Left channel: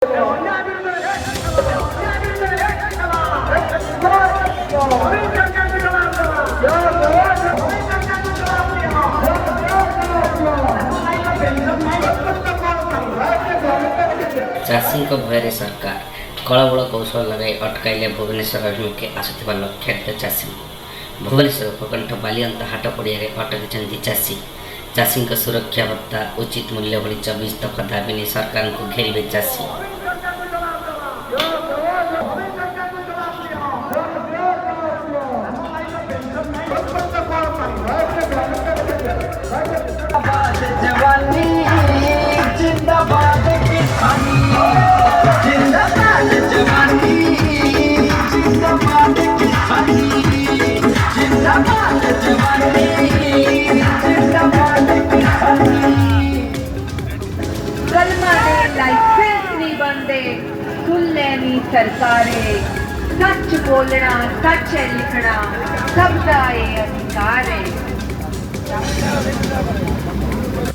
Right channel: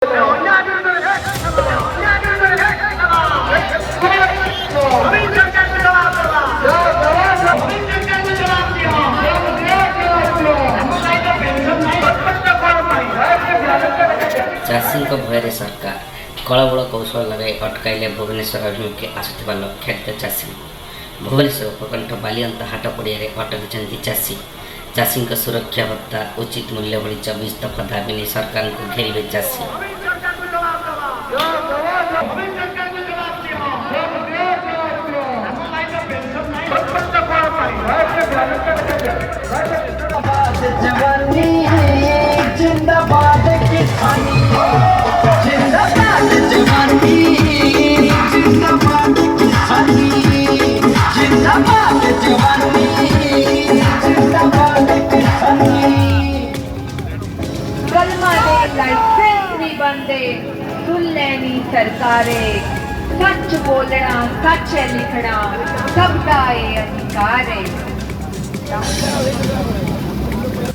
चाषी भय सरकार कलबल कौशल अटकाइले भुवनेश्वर अभिमुखे आसुवा लक्षाधिक चाषी भुवनेश्वर उपकंठ बालिअंत हाट पड़िया अटकी चाषी चाषी सुरक्षा भत्ता उचित मूल्य भली 24 दफा दाबी नहीं सरकार को घेरे चाषी। कलमा दे लाइसेंस नहीं बनते सुनने नहीं सरकारे सच बोलना सच है लिखना सबका ये अधिकार है।